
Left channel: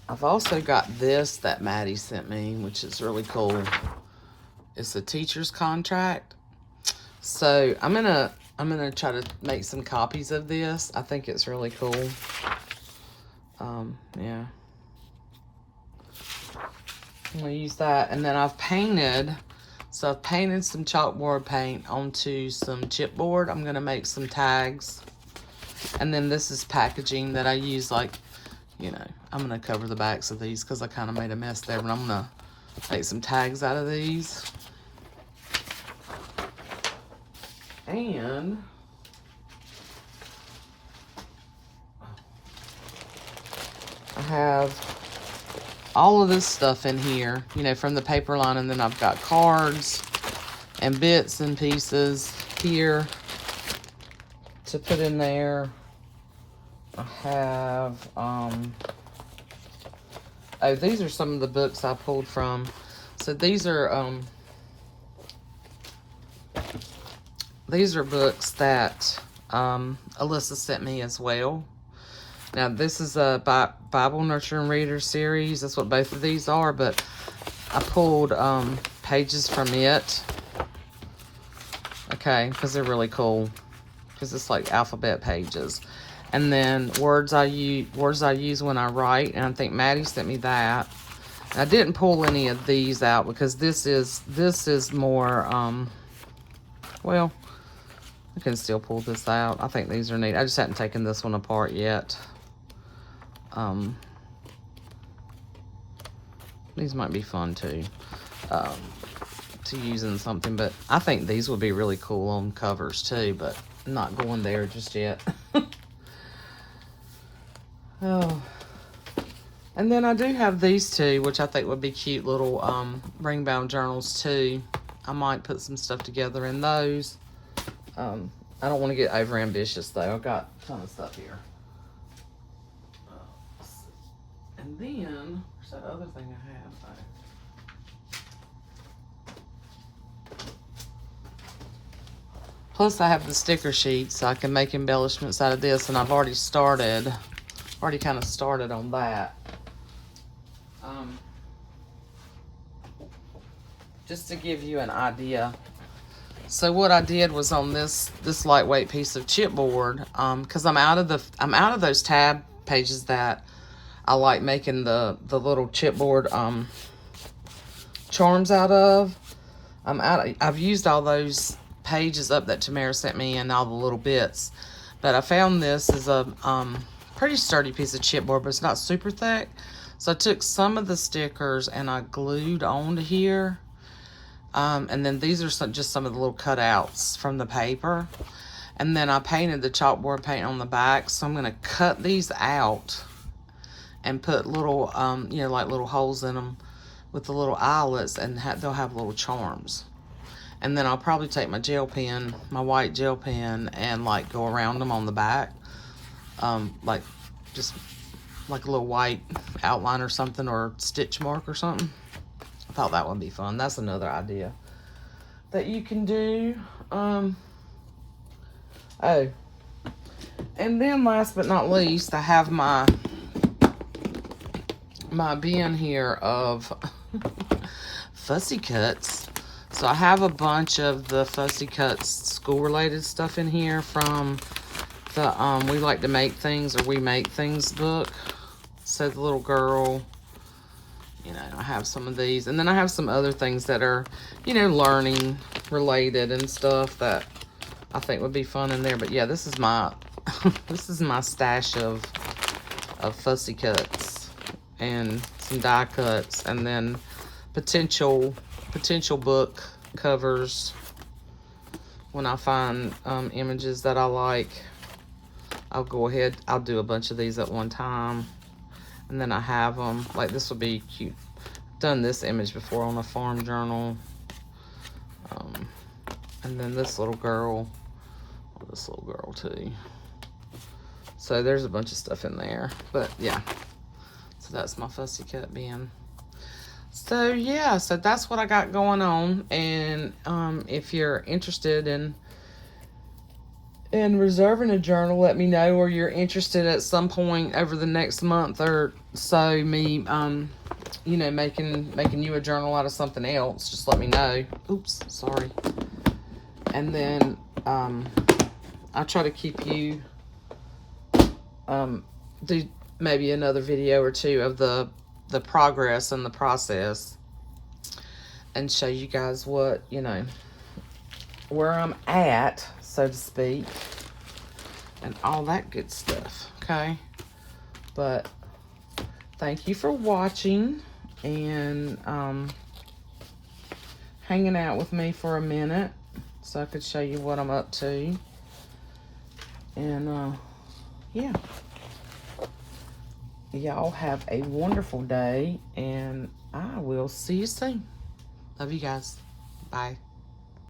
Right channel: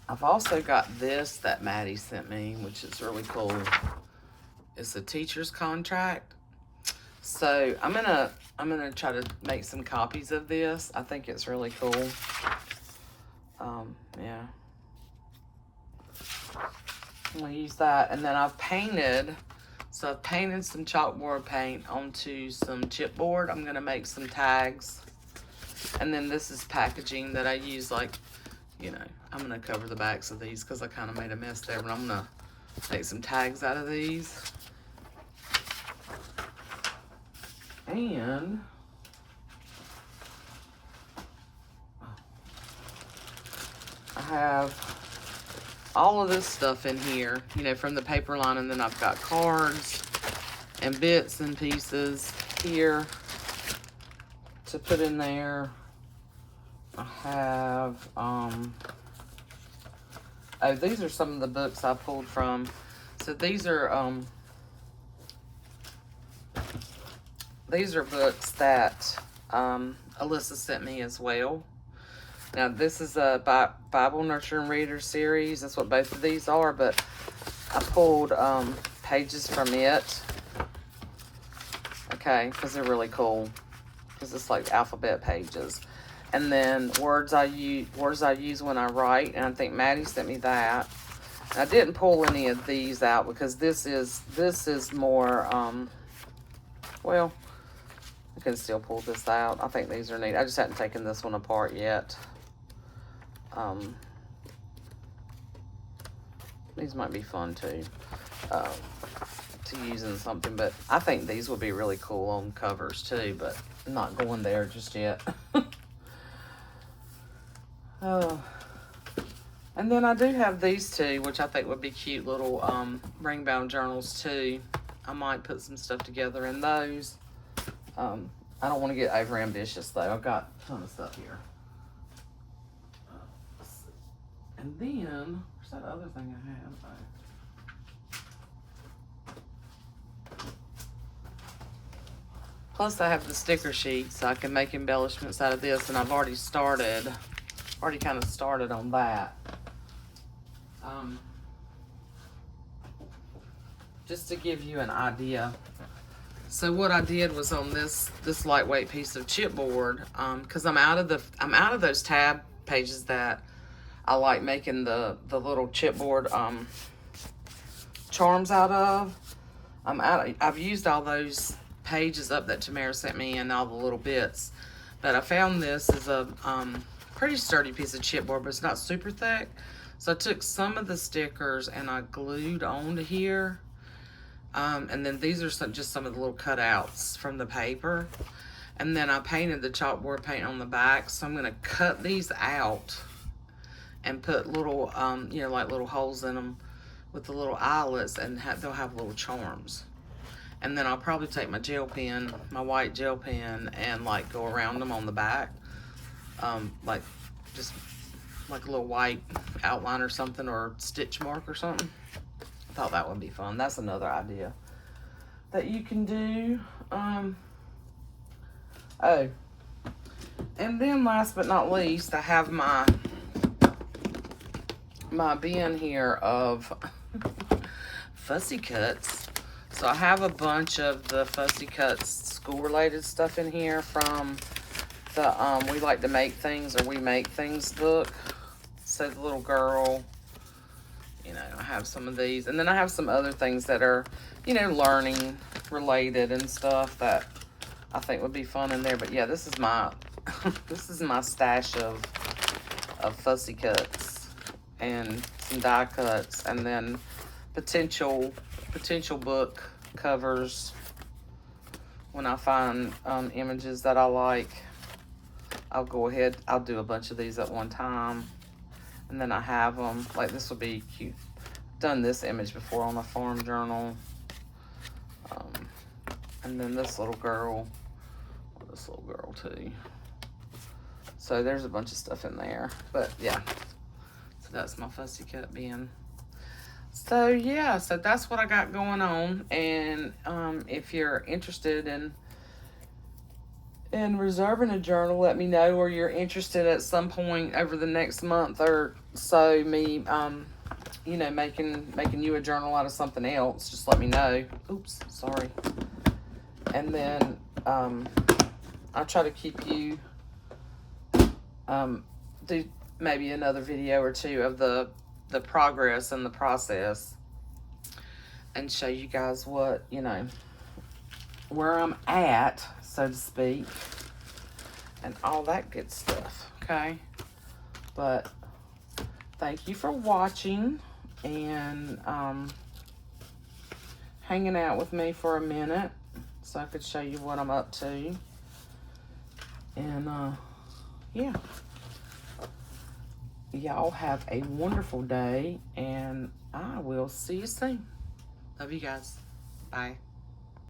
I've also got this that Maddie sent me, which is really cool. It's a teacher's contract. So I'm gonna try to make some copies of this. I think it's really cool. Yeah. I'm gonna use that, and then I've painted. So I've painted some chalkboard paint onto some chipboard. I'm gonna make some tags, and then this is packaging that I use. Like, you know, I'm gonna cover the backs of these because I kind of made a mess there, but I'm gonna take some tags out of these. And I have all of this stuff in here, you know, from the paper line, and then I've got cards and bits and pieces here to put in there. I have, oh, these are some of the books I pulled from. So these are books that Alyssa sent me as well. Now, this is a Bible Nurturing Reader series. That's what both of these are, but I pulled pages from it. Okay, because they're really cool. Because it's like alphabet pages. And then words I use when I write. And I think Maddie sent me that. And I didn't pull any of these out because this is more, well, I can still pull this out. I think these are neat. I just haven't taken this one apart yet. These might be fun too, to use in something, but I think these would be really cool on covers too, but I'm not going there just yet. Oh, and then I do have these two, which I think would be cute little ring bound journals too. I might put some stuff together in those. I don't want to get over ambitious though. I've got a ton of stuff here. And then, where's that other thing I have? Plus I have the sticker sheets, so I can make embellishments out of this, and I've already kind of started on that. Just to give you an idea. So what I did was on this lightweight piece of chipboard, because I'm out of those tab pages that I like making the little chipboard charms out of. I've used all those pages up that Tamara sent me and all the little bits, but I found this is a pretty sturdy piece of chipboard, but it's not super thick. So I took some of the stickers and I glued onto here, and then these are just some of the little cutouts from the paper, and then I painted the chalkboard paint on the back. So I'm going to cut these out and put little, you know, like little holes in them with the little eyelets, and they'll have little charms. And then I'll probably take my gel pen, my white gel pen, and like go around them on the back, like just like a little white outline or something, or stitch mark or something. I thought that would be fun. That's another idea that you can do. Oh, and then last but not least, I have my bin here of Fussy Cuts. So I have a bunch of the Fussy Cuts school related stuff in here from the We Like to Make Things, or We Make Things book. So the little girl, you know, I have some of these, and then I have some other things that are, you know, learning related and stuff that I think would be fun in there. But yeah, this is my this is my stash of Fussy Cuts and some die cuts, and then potential book covers when I find images that I like. I'll go ahead, I'll do a bunch of these at one time, and then I have them. Like this will be cute. Done this image before on a farm journal. And then this little girl, too. So there's a bunch of stuff in there, but yeah. So that's my Fussy Cut bin. So yeah, so that's what I got going on. And if you're interested in reserving a journal, let me know, or you're interested at some point over the next month or so, me you know, making you a journal out of something else, just let me know. Oops, sorry. And then I'll try to keep you do maybe another video or two of the progress and the process and show you guys what, you know, where I'm at, so to speak, and all that good stuff, okay? But thank you for watching and hanging out with me for a minute so I could show you what I'm up to. And yeah, y'all have a wonderful day, and I will see you soon. Love you guys. Bye.